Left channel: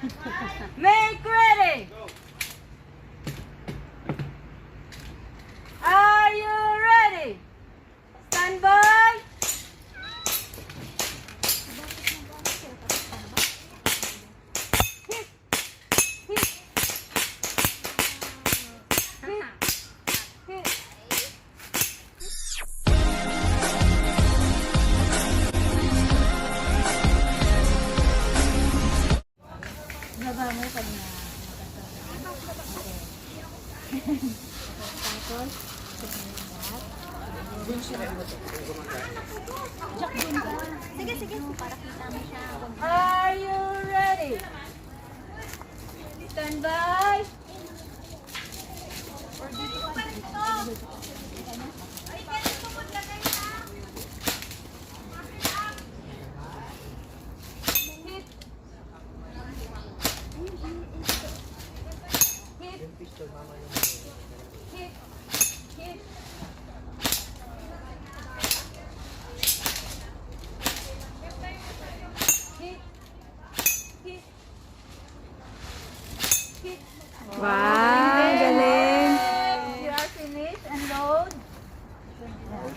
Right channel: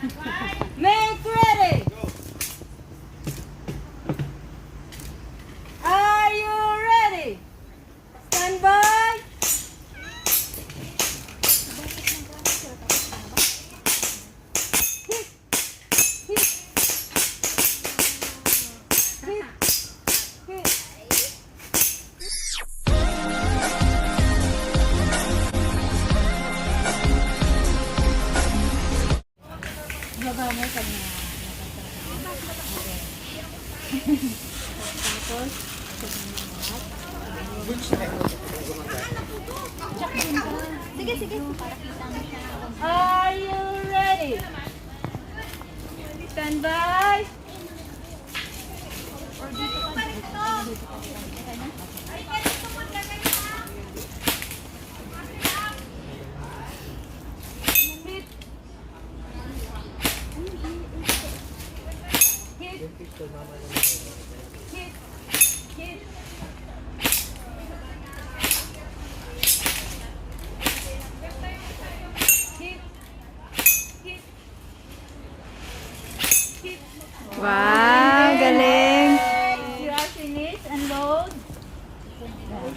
Make ready. Are you ready? Stand by. Hit. Hit. Hit. Hit. Baba mo pag na tapos sige, sige. Para kita niyo siya. Are you ready? Stand by. Or dito ka. Okay na? Hit. Hit. Hit. Hit. Hit. Hit. Hit. Wow, galing. You are finished. Unload.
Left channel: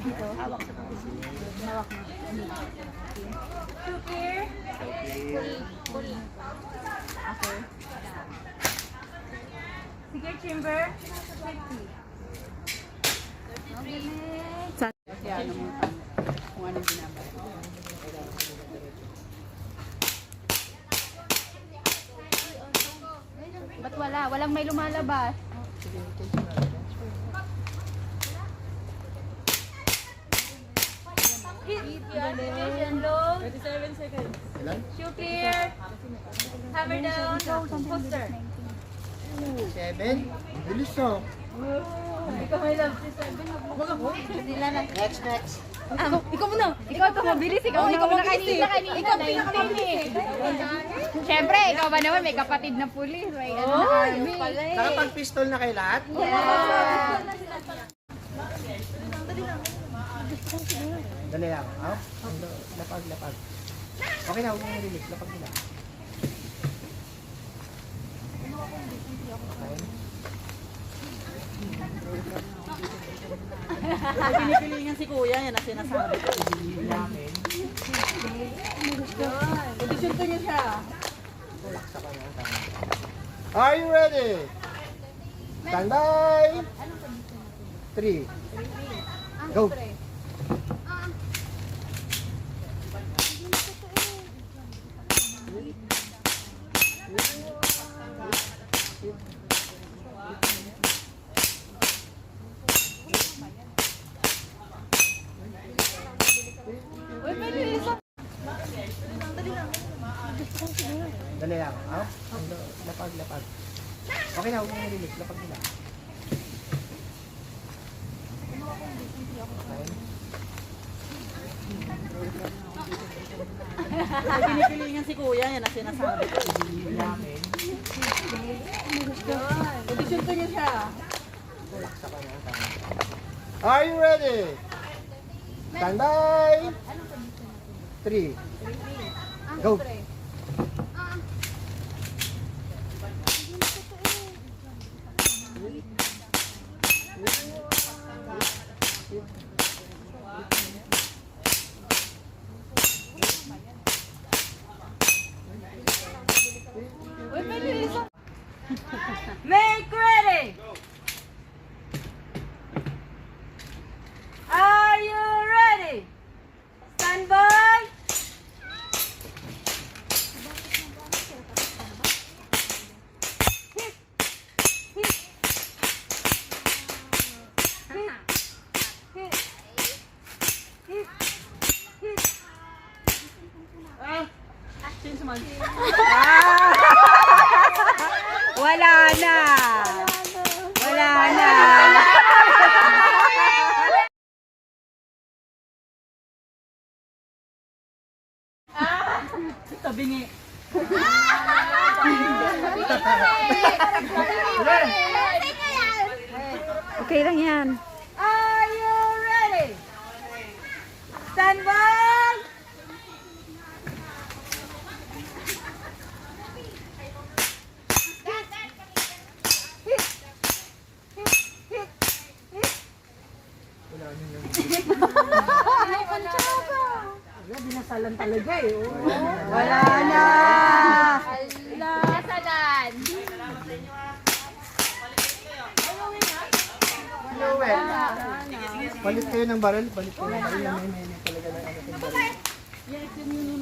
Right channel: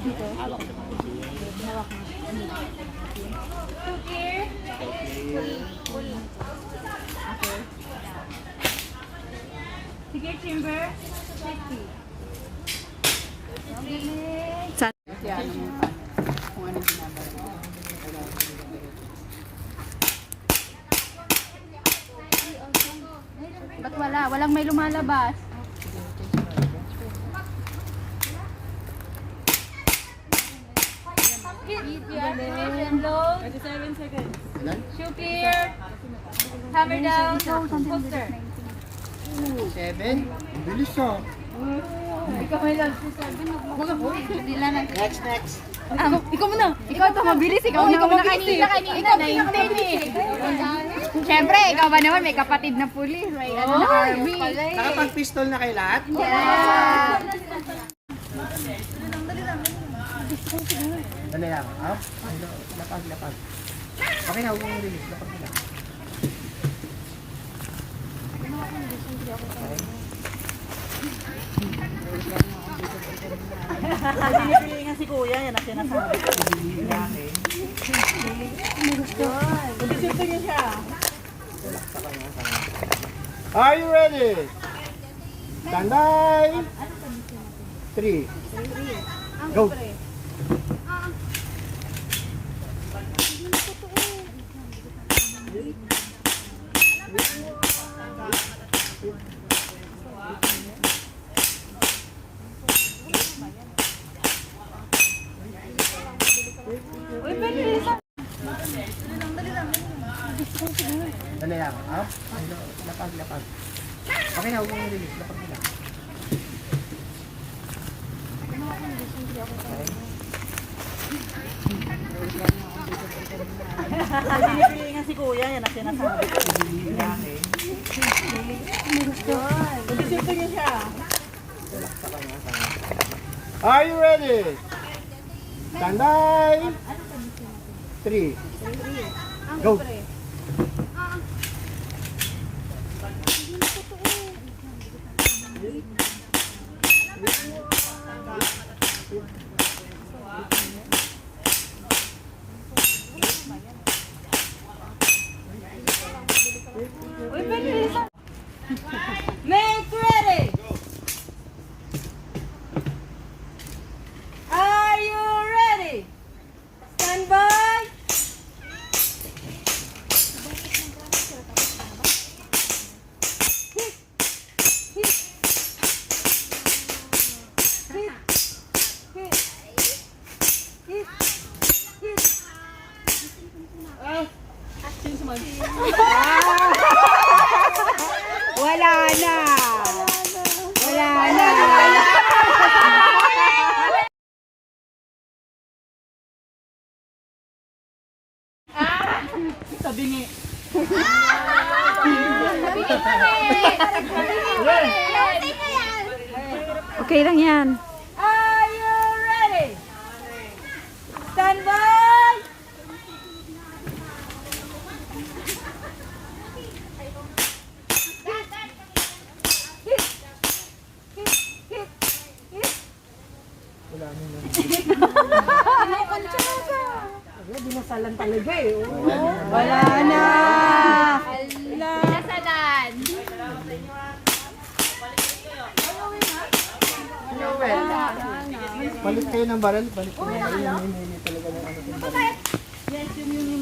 Dito. Hawak mo. Two gear. Okay. Sige, chamber. 50. Sa- Kasi ano mo pa. Kung anong ginagawa. Ba't wala? Walang may lumalabas. Hit, you are finished and load. 37 seconds. Shoot here. Hammer down. Poster. 7. Bilis oh. Ikaw may love si Seven. Nila na. Next. Ikaw muna. Ikaw pa mabilis. Ikaw mabilis eh. Ikaw pinakabilis eh. Siyempre, ikaw ba naman may kapatid na pulis. May ano na army. Nakapag-pistol na kay lahat? Dali lang. Up. Lapag. Okay na, huwag mong release. Lapag nila. Okay. Pinipili nga si Kuya, yan ang sinasabi ko. Kondisyon ko niya siya. Are you ready? Stand by. 3. Go. Dali lang. Up. Lapag. Okay na, huwag mong release. Lapag nila. Okay. Pinipili nga si Kuya, yan ang sinasabi ko. Kondisyon ko niya siya. Are you ready? Stand by. 3. Go. Make ready. Are you ready? Stand by. Hit. Hit. Hit. Hit. Hit. Hit. Wala na. Wala na. Tabingi. Okay lang yan. Are you ready? Stand by. lang talaga eh. Oh. Wala na. Nasagan. Noel. Balik kayo ng baril. Balik kayo ng baril. Yan talaga ng ano yung baril.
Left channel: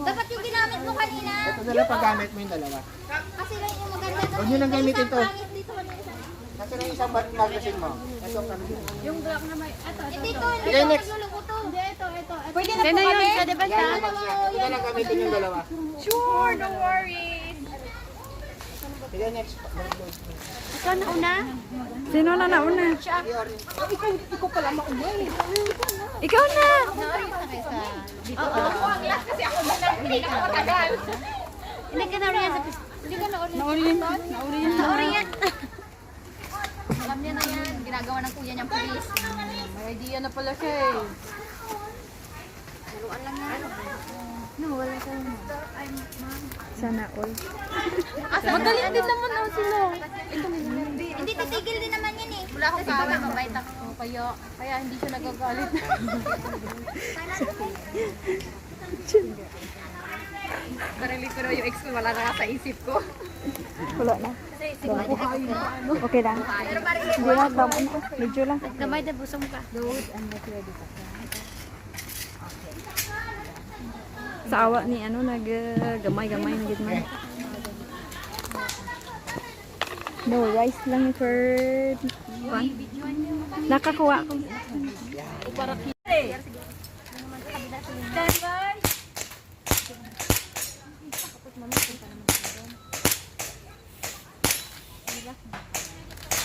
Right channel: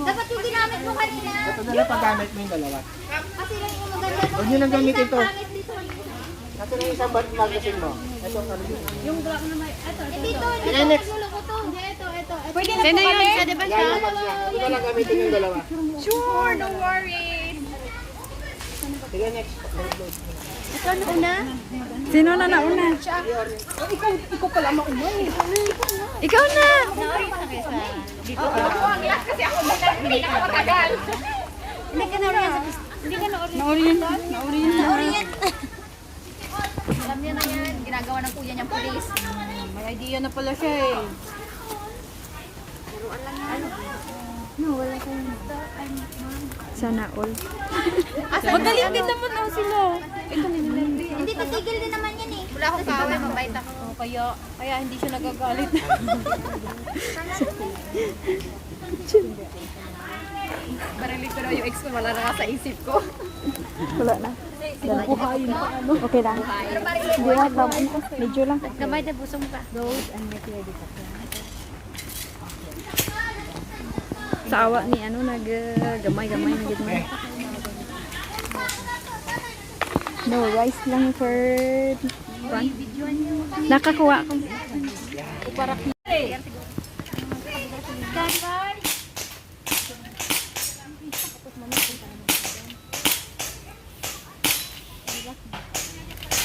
Dapat yung ginamit mo kanina. Ito na lang paggamit mo yung dalawa. Kasi lang yung maganda. Huwag nyo nang gamitin to. Pangit dito. Ito na yung isang magazine mo. Ito ang magazine mo. Yung black na may... Ito. Sige, next. Ito. Pwede na po kami? Hindi ka lang gamitin yung dalawa. Sure, no worries. Sige, next. Sino na nauna? Ikaw pala mauna eh. Ikaw na. Naorin na kayo sa... Kasi ako hindi na makatagal. Hindi ka naorin sa... Hindi ka naorin. Naorin yan. Alam niya na yan. Ginagawa ng kuya niyang pulis. May idea na pala siya eh. Sana all. Madali din naman daw sila. Hindi titigil din naman yan eh. Wala akong kaway, mabait ako. Kaya hindi siya nagagalit. Narinig ko na yung ex ko, wala na sa isip ko. Wala na. Okay lang. Hindi na, tama na. Medyo lang. Gamay na busong ka. Sa awa ni ano, gamay-gamay na gid man. No, rice lang for one. Nakakuha ko.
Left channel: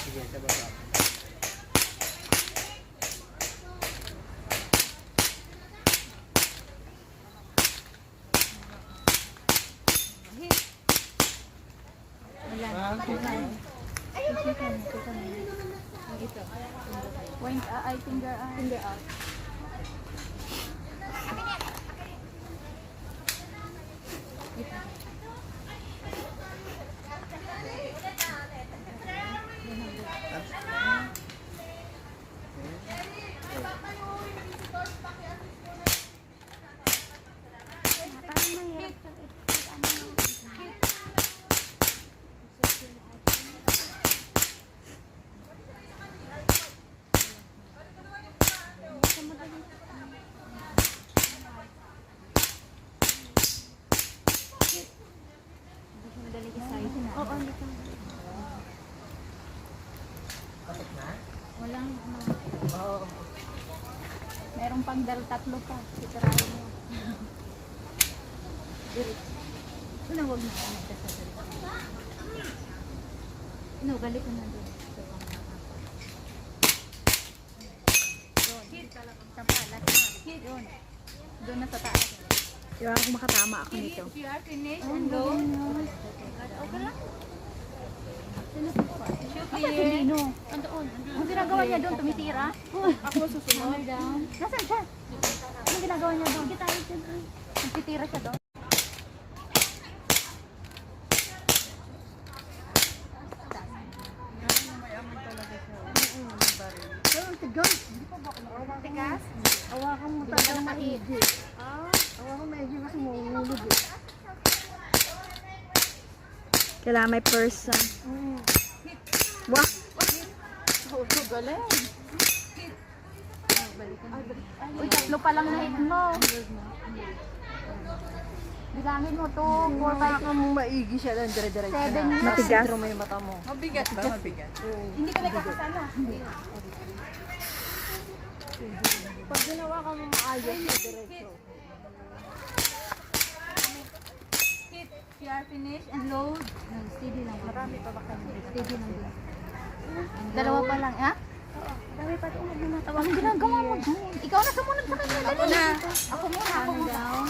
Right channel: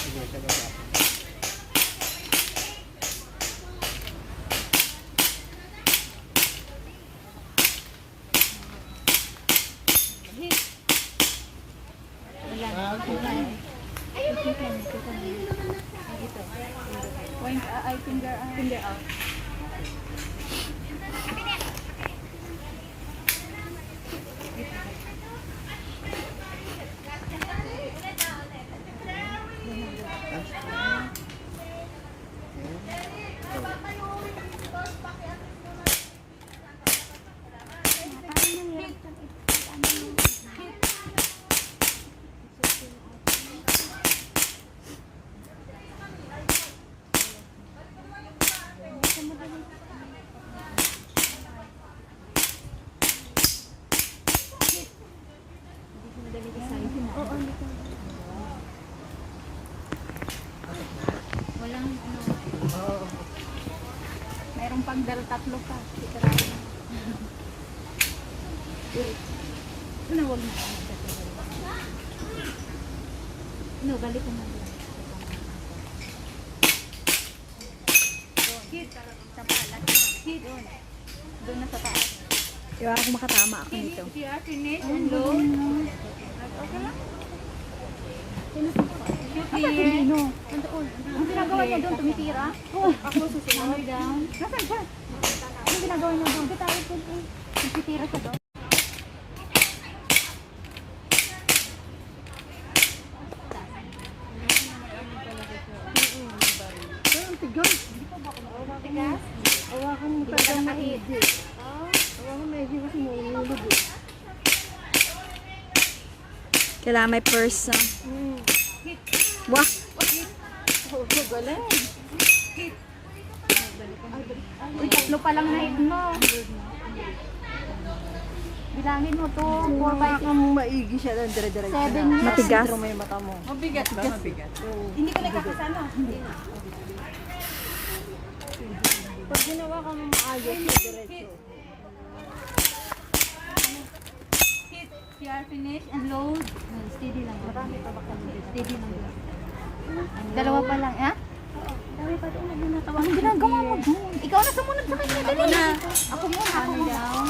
Sige, sabay. Point eye, finger out. Walang ano. Mayroong pagdal tatlo pa. Sikarahin. Ano, huwag na. Ano, galit ko na din. Doon na sa taas. Iwa ako makatama ako nito. Ang ginagawa niya doon, tumitira. Ako susunod down. Nasaan siya? Anong ginagawa niya doon? Doon tayo doon. Tumitira siya doon. Tigas? Hindi ka ba nakahit? Kailangan may purse. Wah! Uy, tatlo pa lang na-hit mo. Bilangin mo to, 4, 5, 6, Maigi siya lang, dire-dire. 7 years. Matigas. May mata mo. Mabigat ba? Mabigat. Hindi ka nagkakasama. Hindi na. Pag ginawa ka mo maayos, diretso. CR finish and load. Steady lang. Steady lang doon. Dalawa pa lang, ha? Anong ginagawa mo doon? Ikaw na sumunod sa kanya. Dali na. Ako na. Hammer down.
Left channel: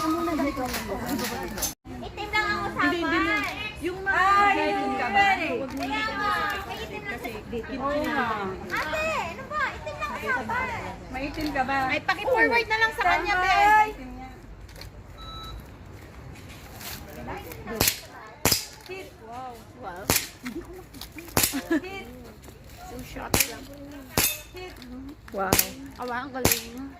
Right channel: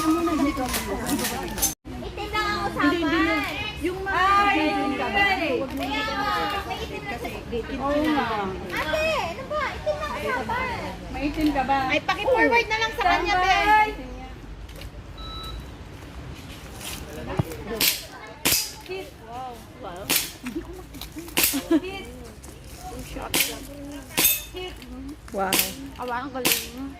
Itim lang ako sa Hindi. Yung mga itim ka ba? Huwag mo yung kasi itim lang. Ate, ano ba? Itim lang ako. Maitim ka ba? Ay, paki-forward na lang sa kanya, Ben. Wow. Awa, ang galing.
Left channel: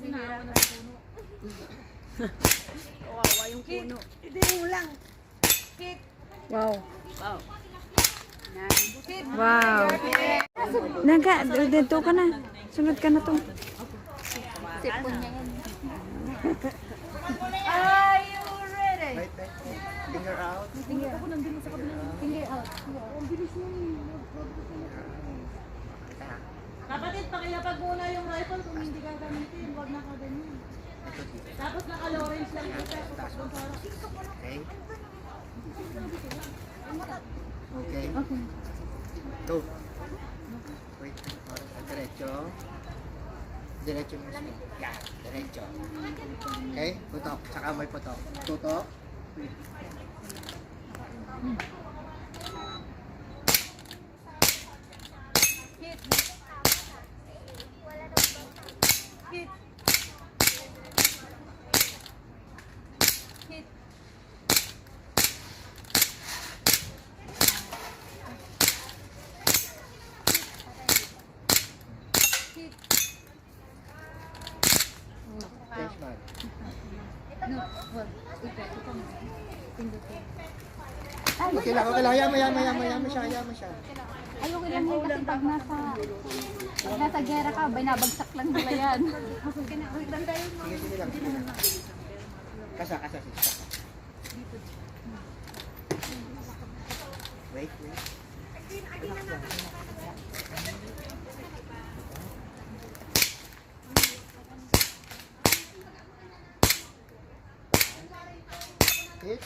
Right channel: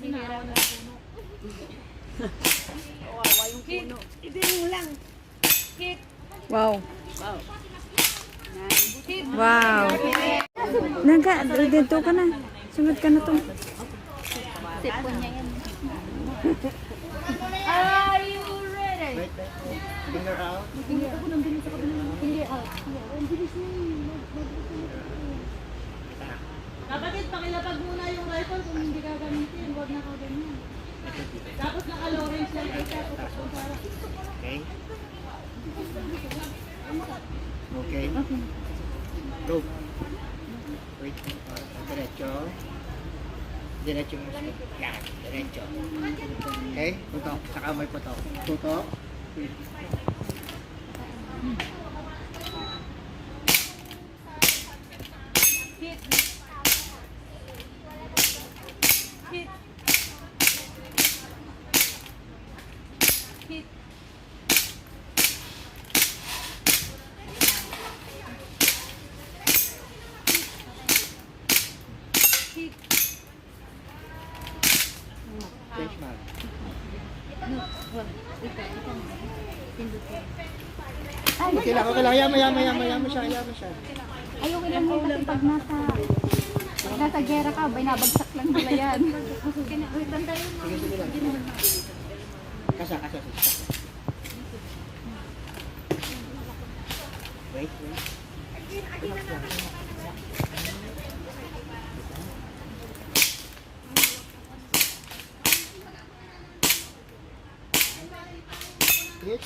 Hindi mo lang. Wow. Wow. Naga, dito ka na. Sunod ka na to. Sipon niya yan. Wait, finger out. Hindi out. Kapatid, pakilapag muna yung rifle kung hindi gagamitin. Huwag na ka ganyan. Tapos naka-orange lang ito. Okay. Okay. Go. Wait. Diretso. Diretso yung gusto. Yan. Diretso. Okay. Putok. Saka may putok. Tutok. Change mark. No, wag. Ito mo. Pindutin. Okay lang. Okay lang. Hayaan mo siya. Ayoko lang mo kasi pag nasa gera ka, binabagsak lang nila yan. Sige lang. Kasa. Wait. Hit.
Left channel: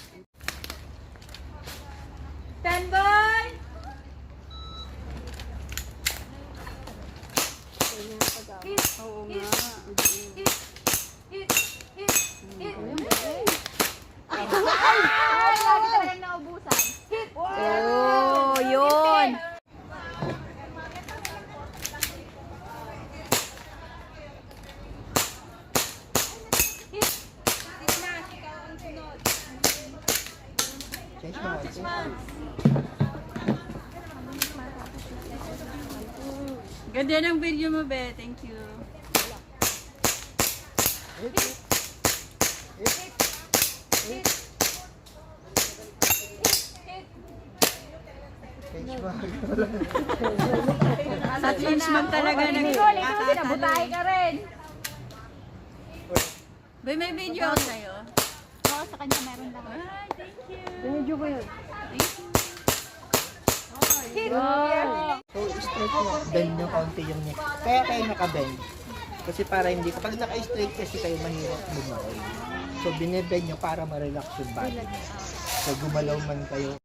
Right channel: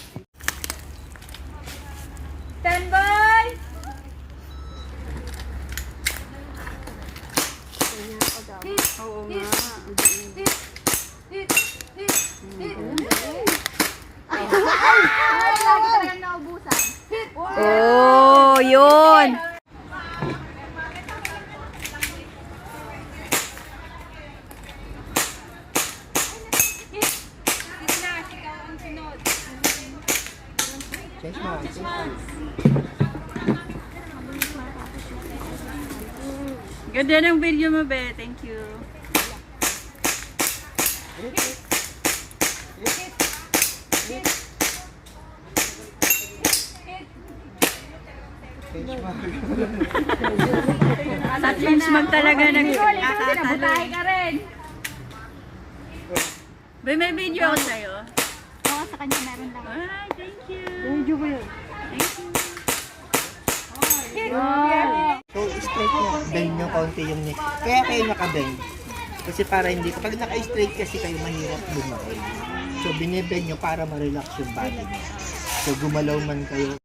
Stand by! Oo nga. Ay, lagi talagang naubusan. Oh, yun. Change mark. Ganda ng video mo, Be. Thank you. Hit. Change mark. Sa change mag talaga Sinabutahe ka rin. Be, may video ako sa'yo. Oo, sa kanya meron lang. Ay, thank you. Medyo ko yun. Thank you. So, straight nyo. Bend nyo konti yung neck. Kaya kayo naka-bend. Kasi para hindi, kapag naka-straight kasi kayo mahirap bumawi. So, binibend nyo para ma-relax yung body. So, gumalaw man kayo.